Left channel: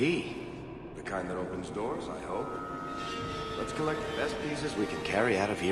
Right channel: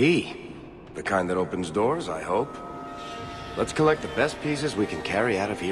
key. The kind that opens doors, I hope. Let's collect the best pieces we can carry out of here.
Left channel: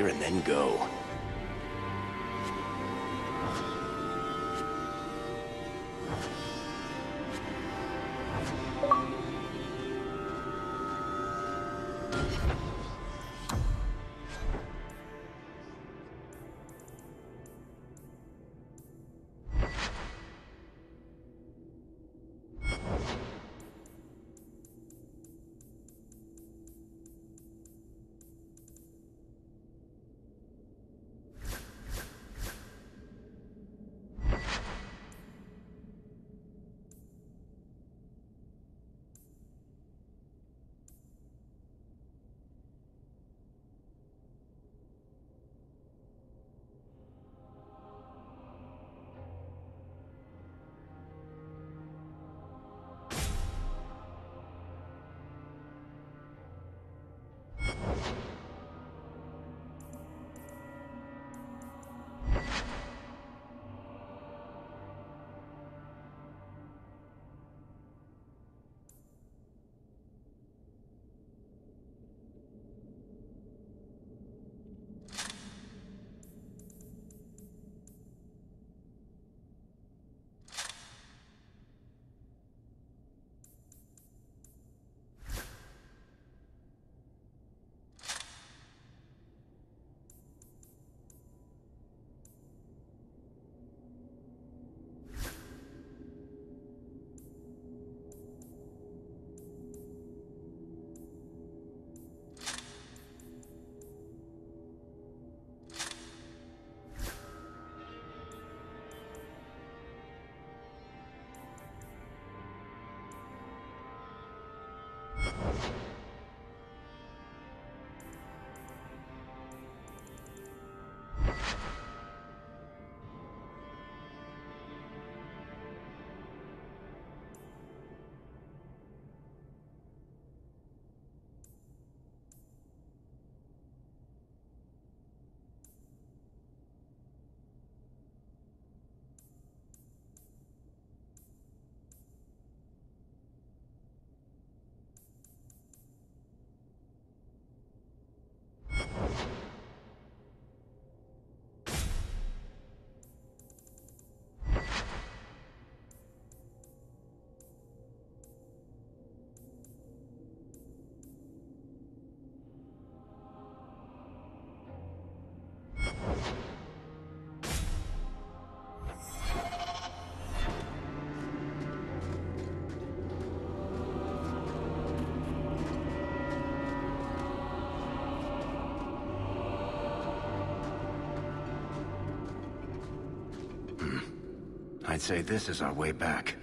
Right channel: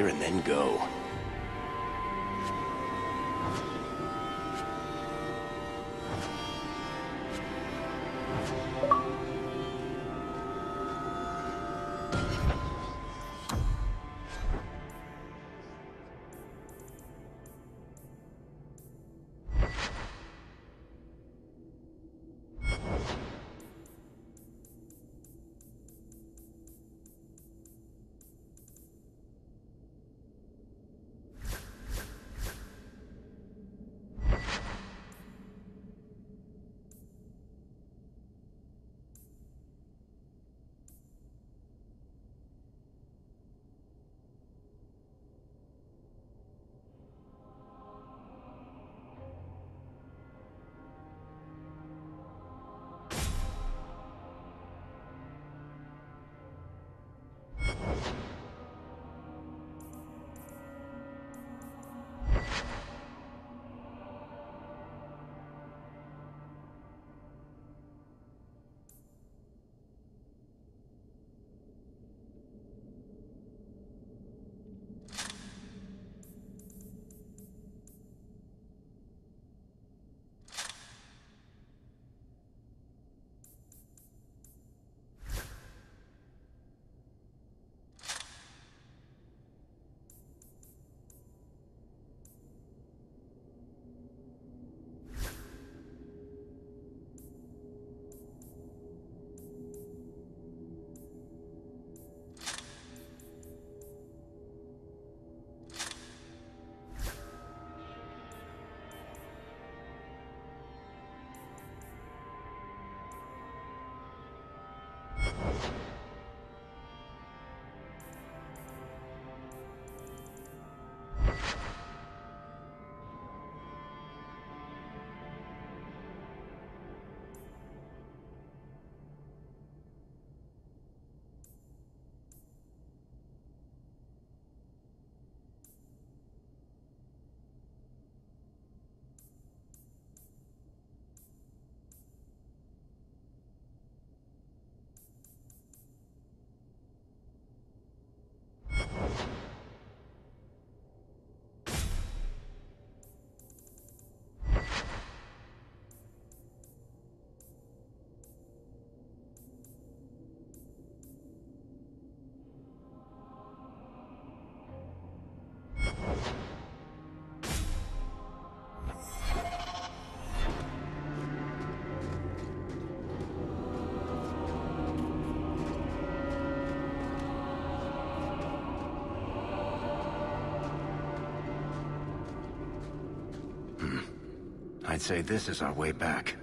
I'd say this is our way back.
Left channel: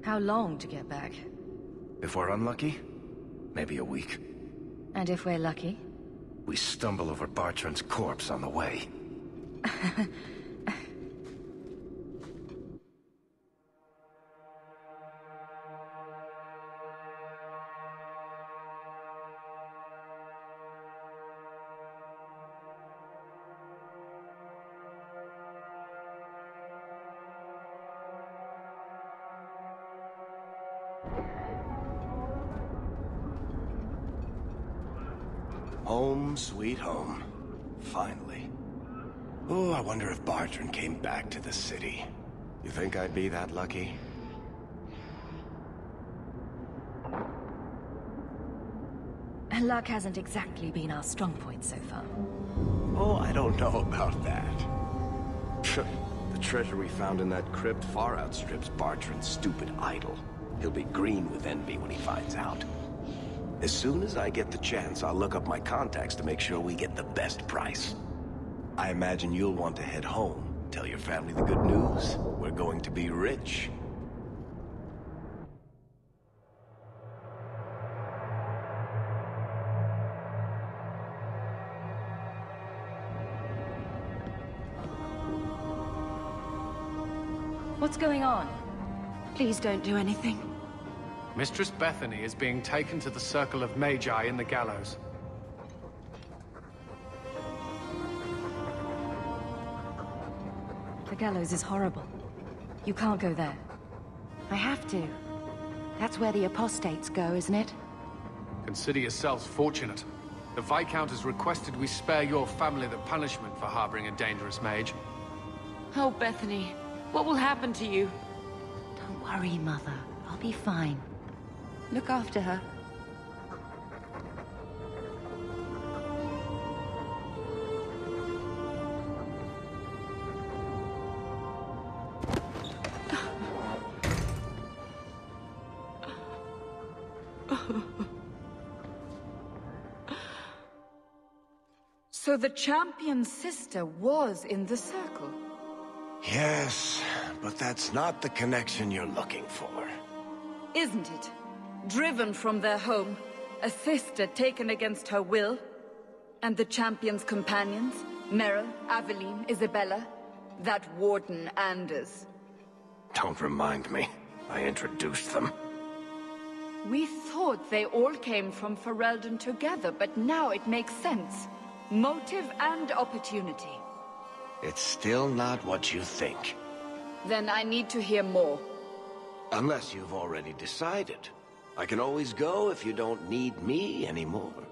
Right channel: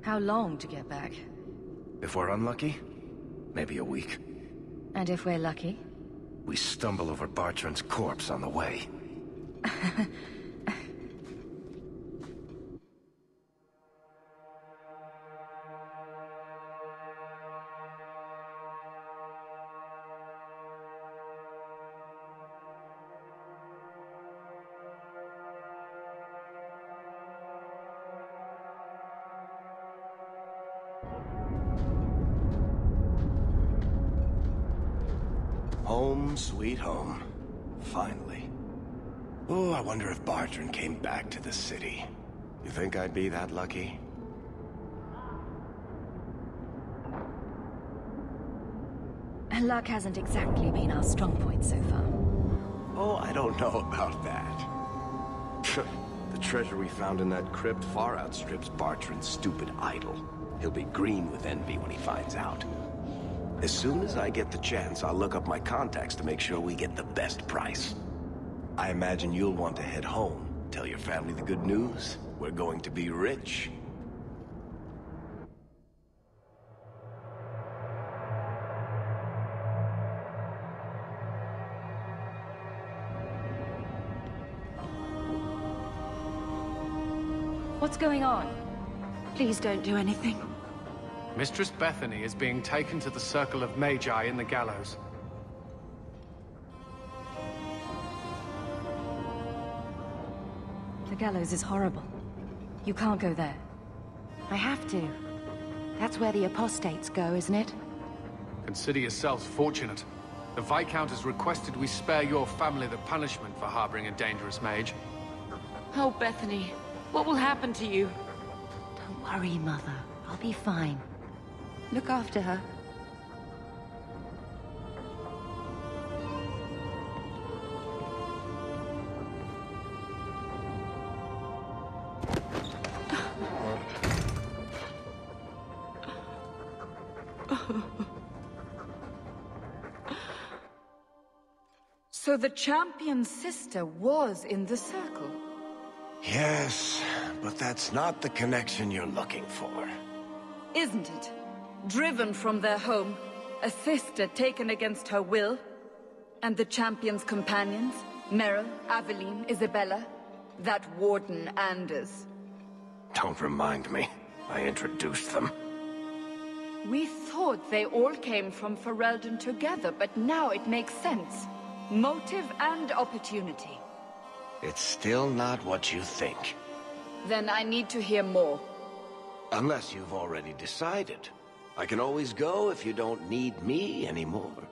How long to get back? If we're unlucky, maybe a week. And if we're lucky? We stumble over Bartran's corpse on the way. Home, sweet home. Finally. Oh, I wonder if Bartran came back to the city. You think I'd be that lucky? Luck hasn't exactly been our strong point so far. Oh, I don't know about that. The treasure we found in that crypt far outstrips Bartran's stupid idol. He'll be green with envy when he finds out. As soon as I get the chance, I'll look up my contacts to make sure we get the best price. I imagine you'll want to head home. Tell your family the good news. We're going to be rich. What's going on? Please don't do anything. Mistress Bethany is being taken to the Circle of Magi in the gallows. The gallows is horrible. You can't go there. I have to. That's where the apostates go, isn't it? Consider yourselves fortunate. The Viscount has requested we spare your family the punishment for harboring a dangerous mage. Oh, Bethany, what will happen to you? Don't worry, Mother. I'll be fine. Look after her. So the champion's sister was in the circle? Yes, but that's not the connection you're looking for. Isn't it? Driven from their home, a sister taken against her will, and the champion's companions, Meryl, Aveline, Isabella, that warden Anders. Don't remind me. I introduced them. We thought they all came from Ferelden together, but now it makes sense. Motive and opportunity. It's still not what you think. Then I need to hear more. Unless you've already decided. I can always go if you don't need me anymore.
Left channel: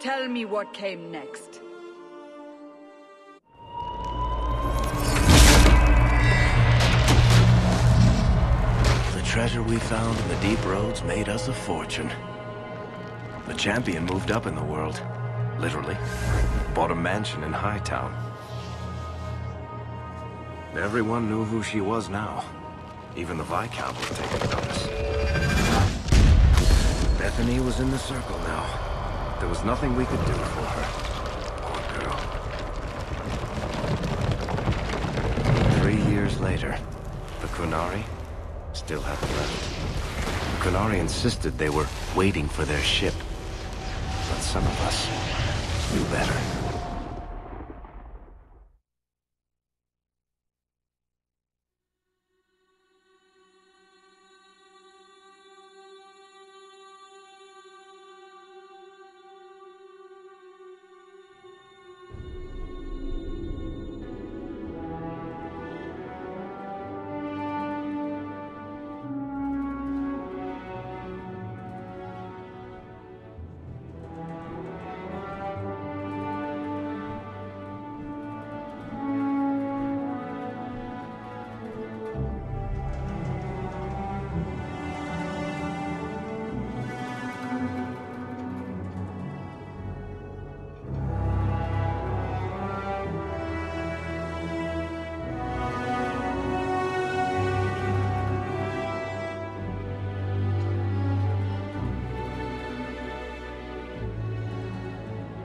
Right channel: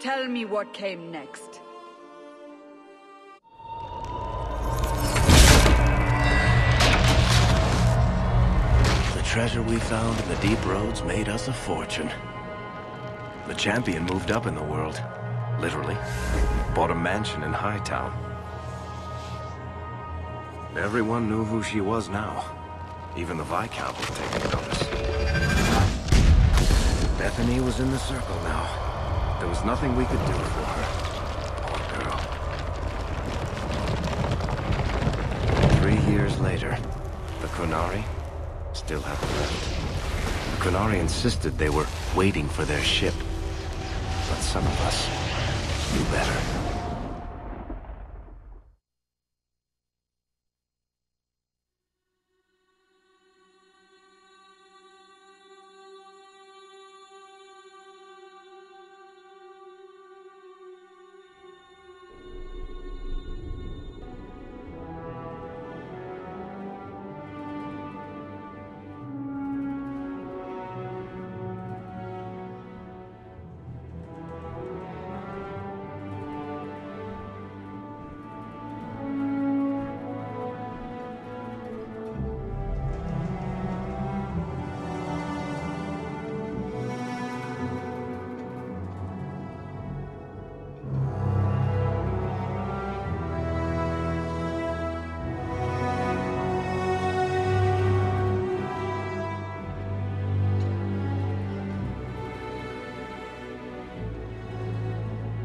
Tell me what came next. The treasure we found in the deep roads made us a fortune. The champion moved up in the world. Literally. Bought a mansion in Hightown. Everyone knew who she was now. Even the Viscount was taking notice. Bethany was in the circle now. There was nothing we could do for her. Poor girl. 3 years later, the Qunari still hadn't left. The Qunari insisted they were waiting for their ship. But some of us knew better.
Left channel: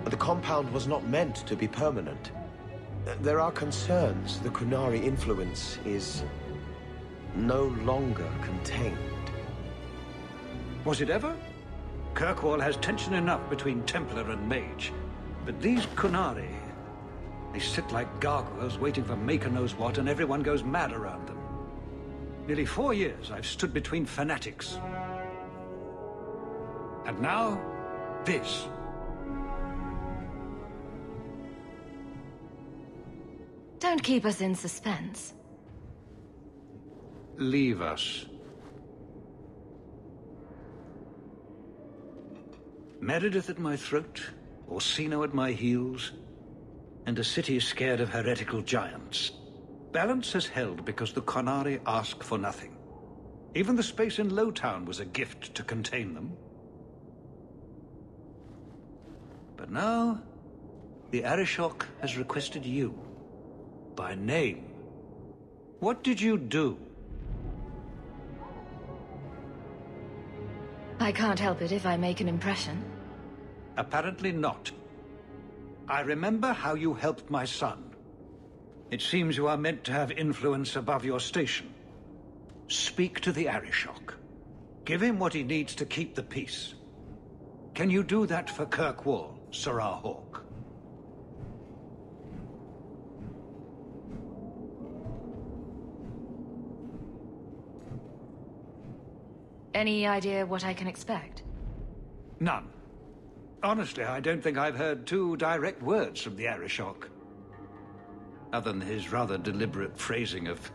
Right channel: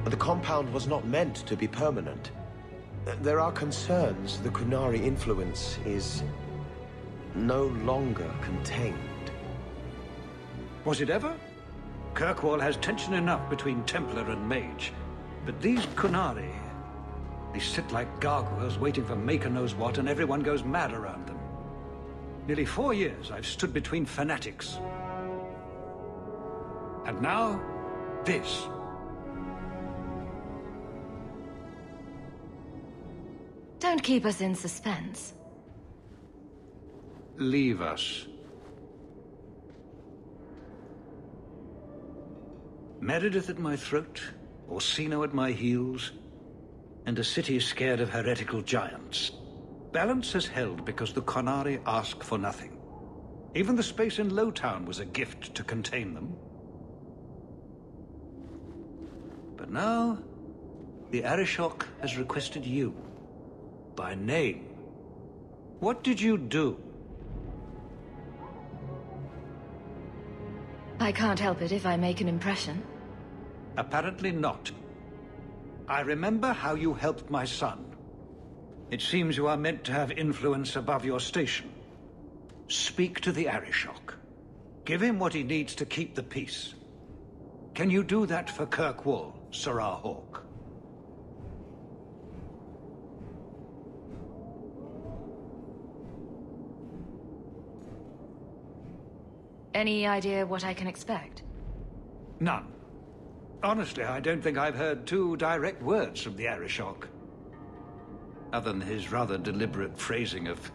The compound was not meant to be permanent. There are concerns the Qunari influence is no longer contained. Was it ever? Kirkwall has tension enough between Templar and Mage. But these Qunari, they sit like gargoyles waiting for maker knows what, and everyone goes mad around them. Nearly 4 years I've stood between fanatics. And now, this. Don't keep us in suspense. Leave us. Meredith at my throat, Orsino at my heels, and a city scared of heretical giants. Balance has held because the Qunari ask for nothing. Even the space in Lowtown was a gift to contain them. But now, the Arishok has requested you. By name. What did you do? I can't help it if I make an impression. Apparently not. I remember how you helped my son. It seems you are meant to have influence above your station. Speak to the Arishok. Give him what he needs to keep the peace. Can you do that for Kirkwall, Sirrah Hawke? Any idea what I can expect? None. Honestly, I don't think I've heard 2 direct words from the Arishok. Other than his rather deliberate phrasing of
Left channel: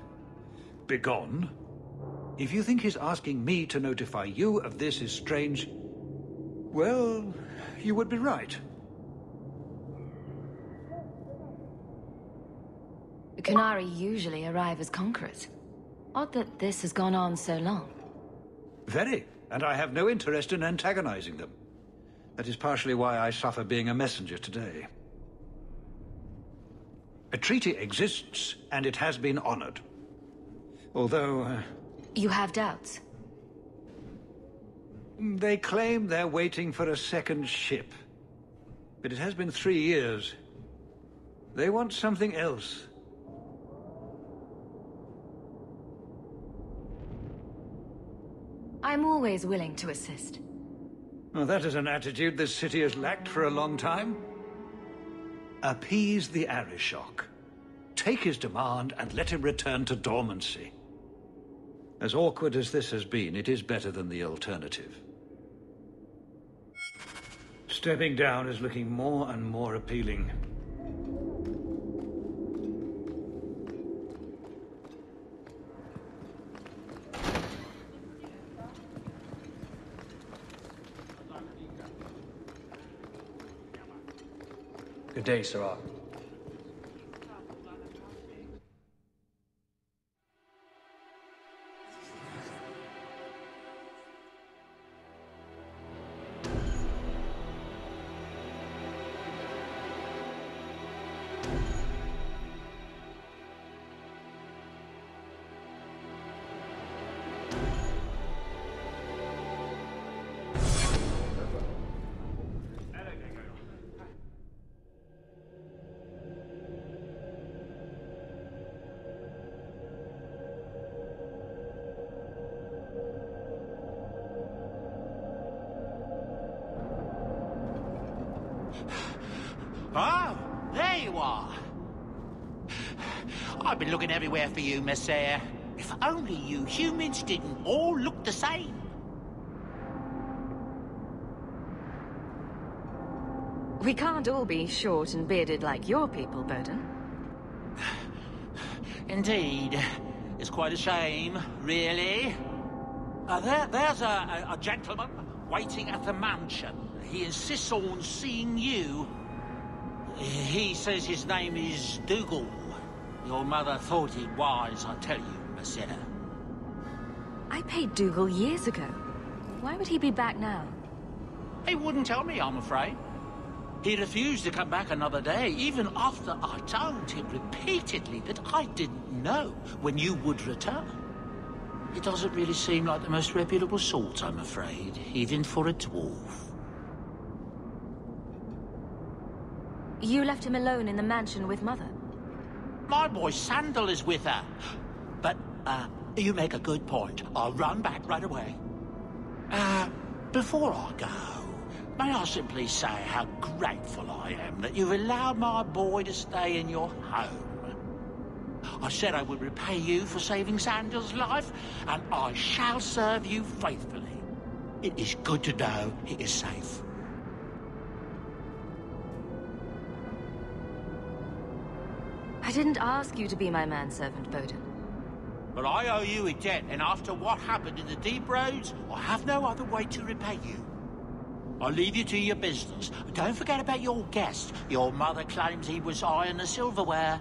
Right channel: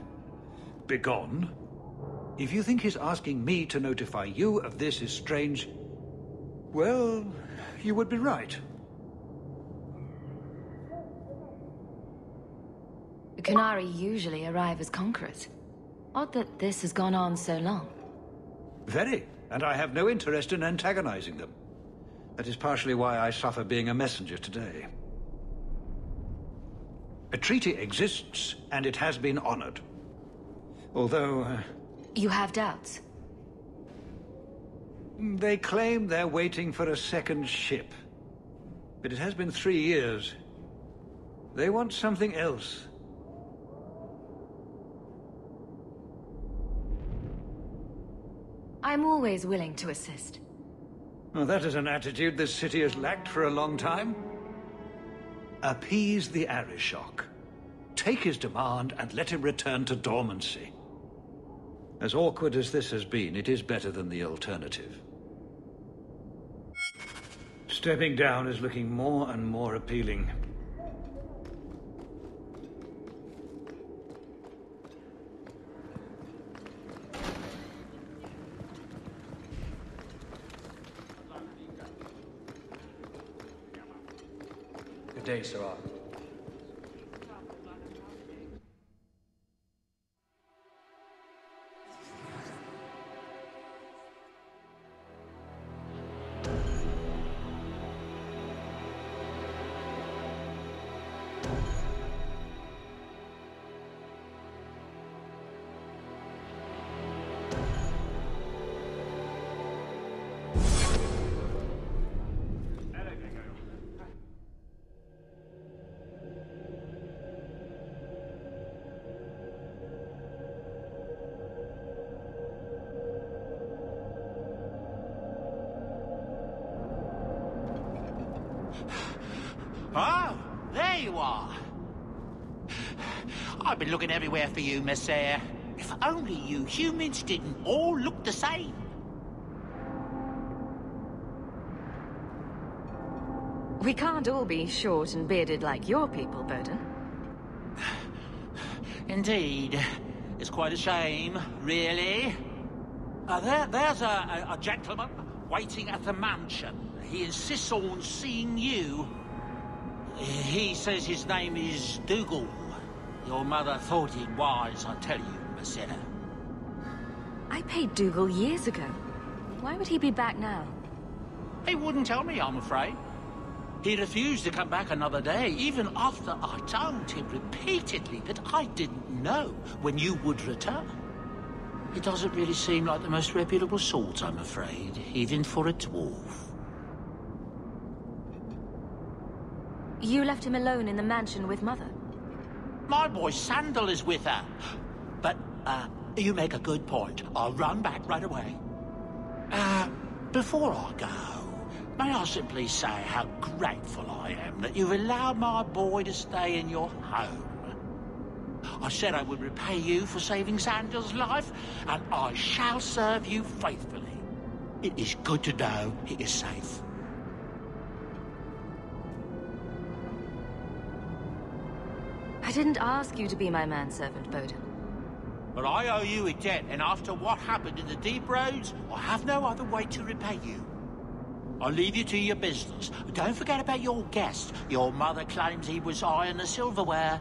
"begone." If you think his asking me to notify you of this is strange, well, you would be right. The Qunari usually arrive as conquerors. Odd that this has gone on so long. Very, and I have no interest in antagonizing them. That is partially why I suffer being a messenger today. A treaty exists, and it has been honored. Although, You have doubts? they claim they're waiting for a second ship. But it has been 3 years. They want something else. I'm always willing to assist. Well, that is an attitude this city has lacked for a long time. Appease the Arishok. Take his demand and let him return to dormancy. As awkward as this has been, it is better than the alternative. Stepping down is looking more and more appealing. Good day, sir. Oh, there you are. I've been looking everywhere for you, Messiah. If only you humans didn't all look the same. We can't all be short and bearded like your people, Bowden. Indeed. It's quite a shame, really. There's a gentleman waiting at the mansion. He insists on seeing you. He says his name is Dougal. Your mother thought it wise, I tell you, Messiah. I paid Dougal years ago. Why would he be back now? He wouldn't tell me, I'm afraid. He refused to come back another day, even after I told him repeatedly that I didn't know when you would return. He doesn't really seem like the most reputable sort, I'm afraid, even for a dwarf. You left him alone in the mansion with Mother? My boy Sandal is with her. But, you make a good point. I'll run back right away. Before I go, may I simply say how grateful I am that you've allowed my boy to stay in your home. I said I would repay you for saving Sandal's life, and I shall serve you faithfully. It is good to know he is safe. I didn't ask you to be my manservant, Bowden. But I owe you a debt, and after what happened in the Deep Roads, I have no other way to repay you. I'll leave you to your business. Don't forget about your guest. Your mother claims he was eyeing the silverware.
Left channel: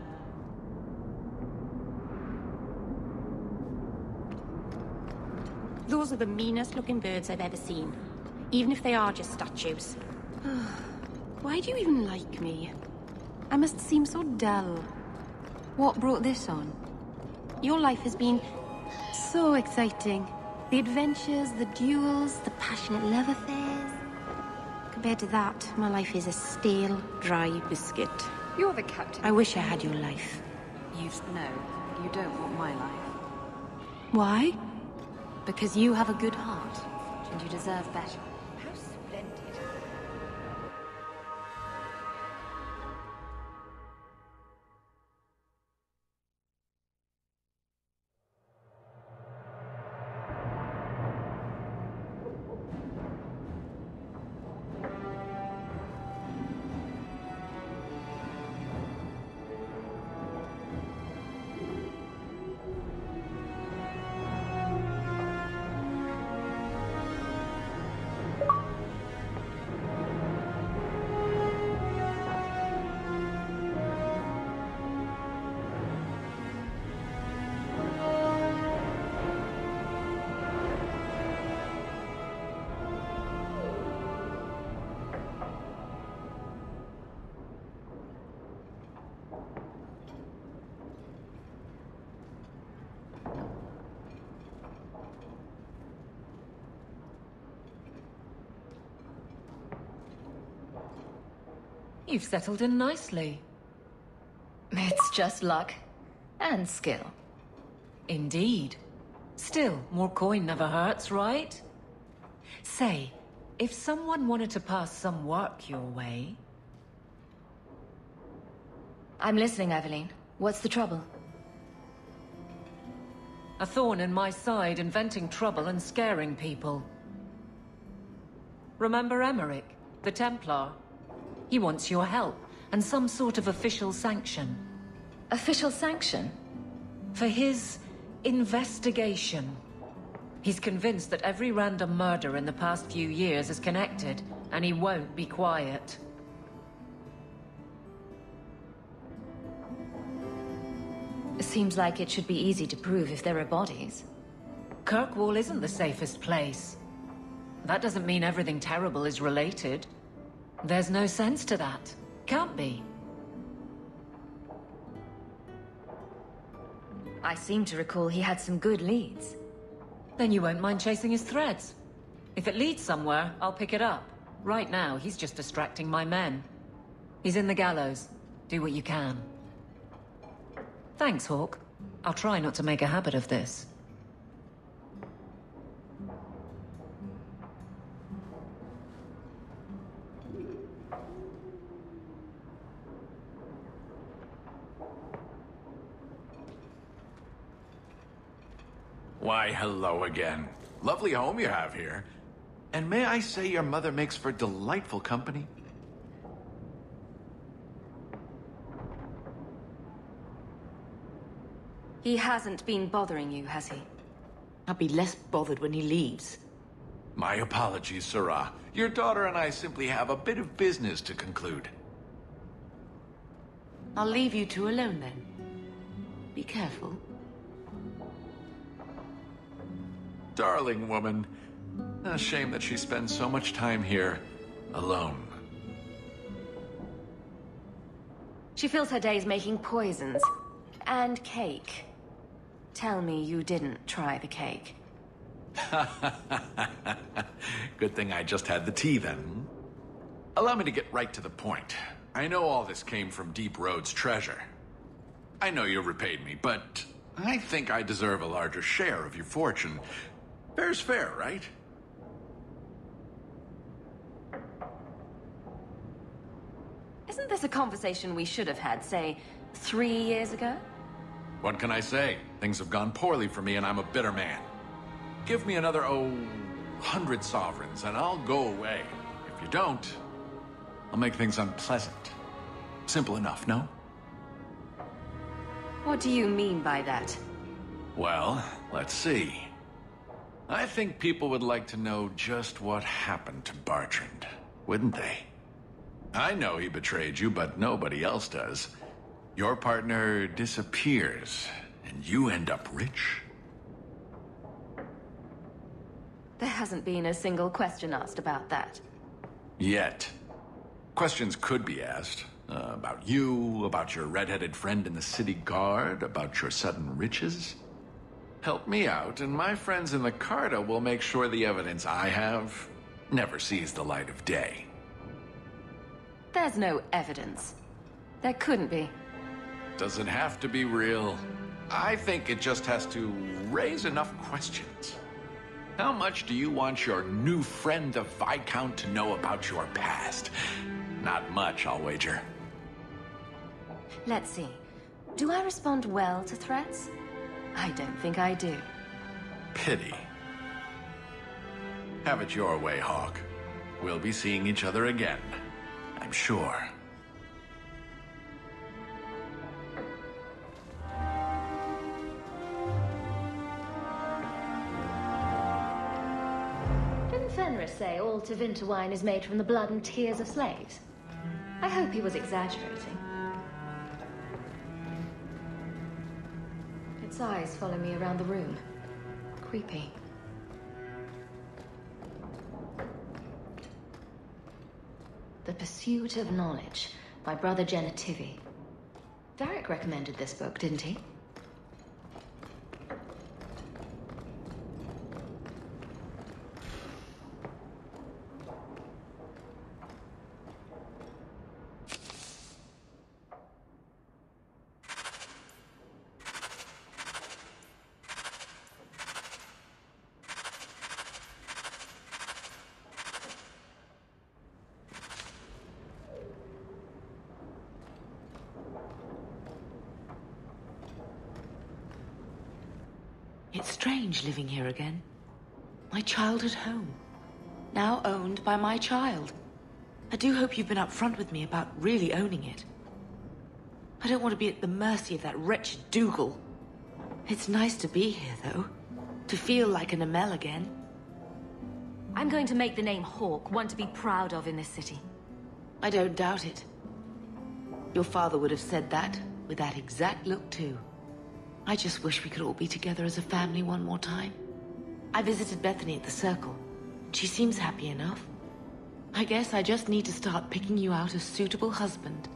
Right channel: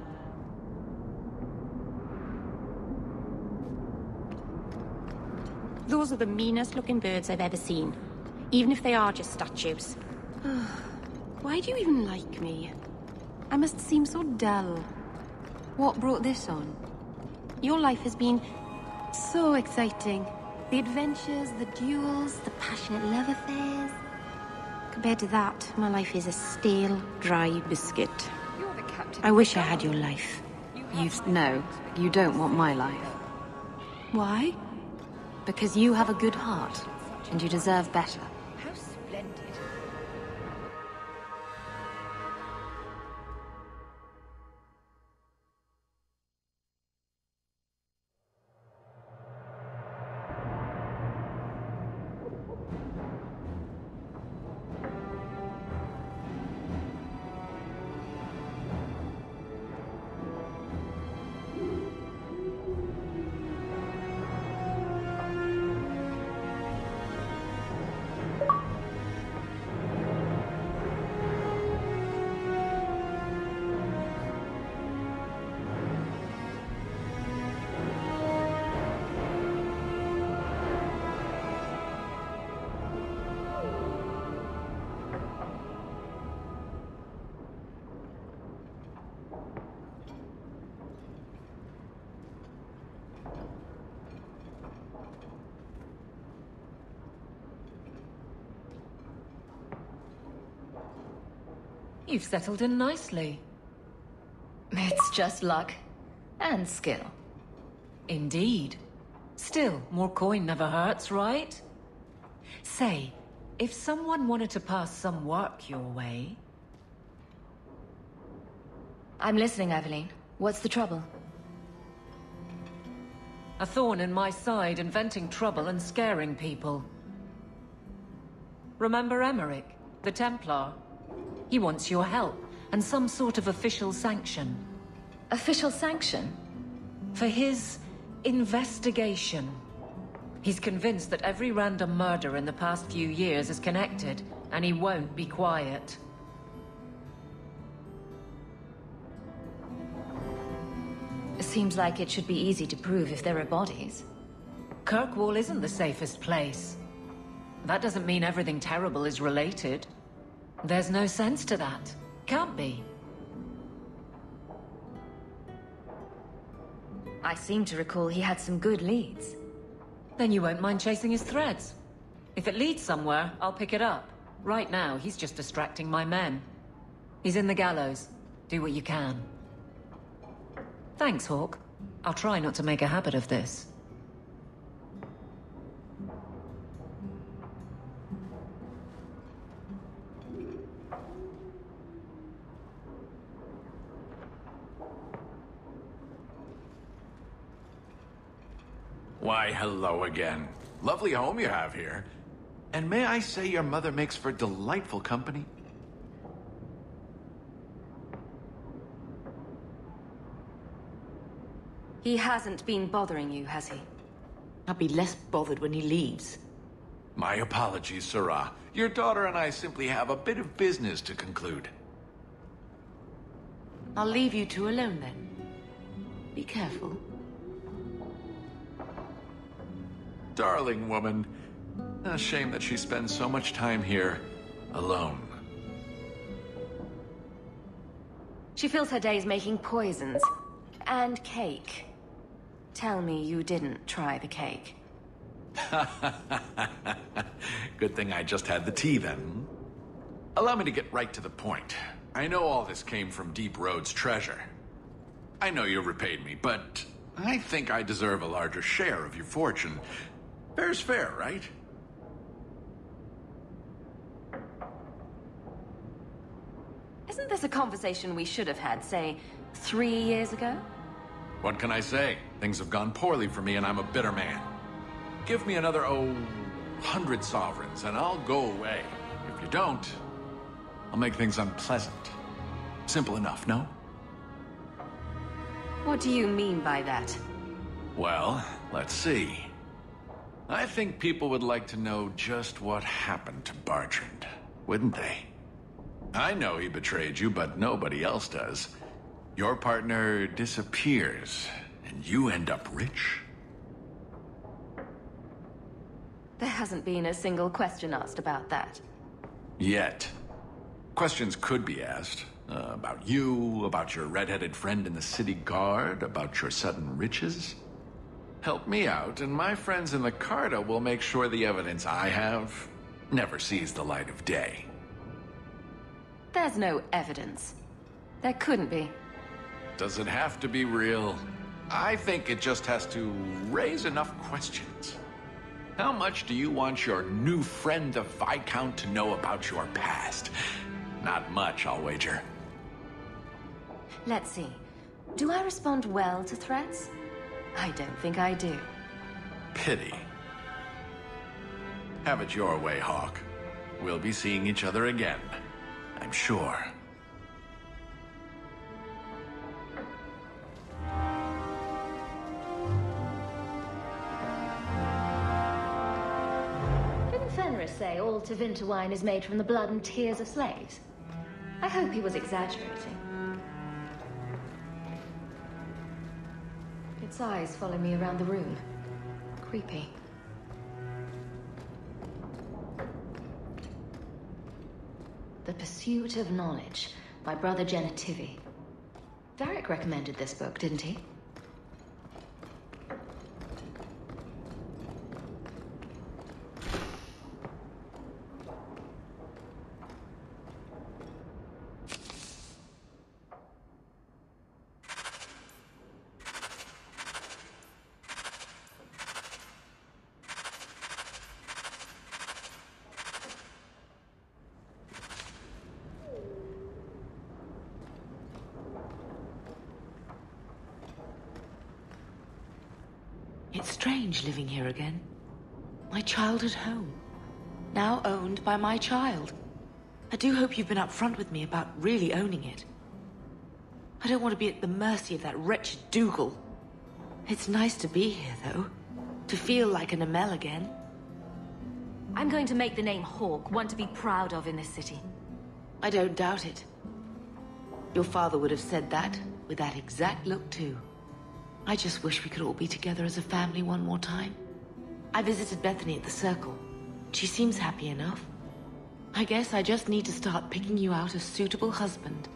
Those are the meanest looking birds I've ever seen, even if they are just statues. The adventures, the duels. Head to that Dry biscuit. You're the captain I of wish the I had guard. your life. No, you don't want my life. Why? Because you have a good heart, and you deserve better. You've settled in nicely. It's just luck. And skill. Indeed. Still, more coin never hurts, right? Say, if someone wanted to pass some work your way... I'm listening, Aveline. What's the trouble? A thorn in my side, inventing trouble and scaring people. Remember Emmerich, the Templar? He wants your help, and some sort of official sanction. Official sanction? For his investigation. He's convinced that every random murder in the past few years is connected, and he won't be quiet. Seems like it should be easy to prove if there are bodies. Kirkwall isn't the safest place. That doesn't mean everything terrible is related. There's no sense to that. Can't be. I seem to recall he had some good leads. Then you won't mind chasing his threads. If it leads somewhere, I'll pick it up. Right now, he's just distracting my men. He's in the gallows. Do what you can. Thanks, Hawk. I'll try not to make a habit of this. Why, hello again. Lovely home you have here. And may I say your mother makes for delightful company? He hasn't been bothering you, has he? I'll be less bothered when he leaves. My apologies, Sirrah. Your daughter and I simply have a bit of business to conclude. I'll leave you two alone then. Be careful. Darling woman. A shame that she spends so much time here, alone. She fills her days making poisons. And cake. Tell me you didn't try the cake. Good thing I just had the tea then. Allow me to get right to the point. I know all this came from Deep Road's treasure. I know you repaid me, but I think I deserve a larger share of your fortune. Fair's fair, right? Isn't this a conversation we should have had, say, 3 years ago? What can I say? Things have gone poorly for me and I'm a bitter man. Give me another, 100 sovereigns and I'll go away. If you don't, I'll make things unpleasant. Simple enough, no? What do you mean by that? Well, let's see. I think people would like to know just what happened to Bertrand, wouldn't they? I know he betrayed you, but nobody else does. Your partner disappears, and you end up rich? There hasn't been a single question asked about that. Yet. Questions could be asked. About you, about your red-headed friend in the city guard, about your sudden riches. Help me out, and my friends in the Carta will make sure the evidence I have never sees the light of day. There's no evidence. There couldn't be. Does it have to be real? I think it just has to raise enough questions. How much do you want your new friend, the Viscount, to know about your past? Not much, I'll wager. Let's see. Do I respond well to threats? I don't think I do. Pity. Have it your way, Hawk. We'll be seeing each other again, I'm sure. Didn't Fenris say all Tevinter wine is made from the blood and tears of slaves? I hope he was exaggerating. Its eyes follow me around the room. Creepy. The Pursuit of Knowledge by Brother Genetivi. Varric recommended this book, didn't he? It's strange living here again. My childhood home. Now owned by my child. I do hope you've been upfront with me about really owning it. I don't want to be at the mercy of that wretched Dougal. It's nice to be here, though. To feel like an Amel again. I'm going to make the name Hawke one to be proud of in this city. I don't doubt it. Your father would have said that, with that exact look, too. I just wish we could all be together as a family one more time. I visited Bethany at the Circle. She seems happy enough. I guess I just need to start picking you out a suitable husband.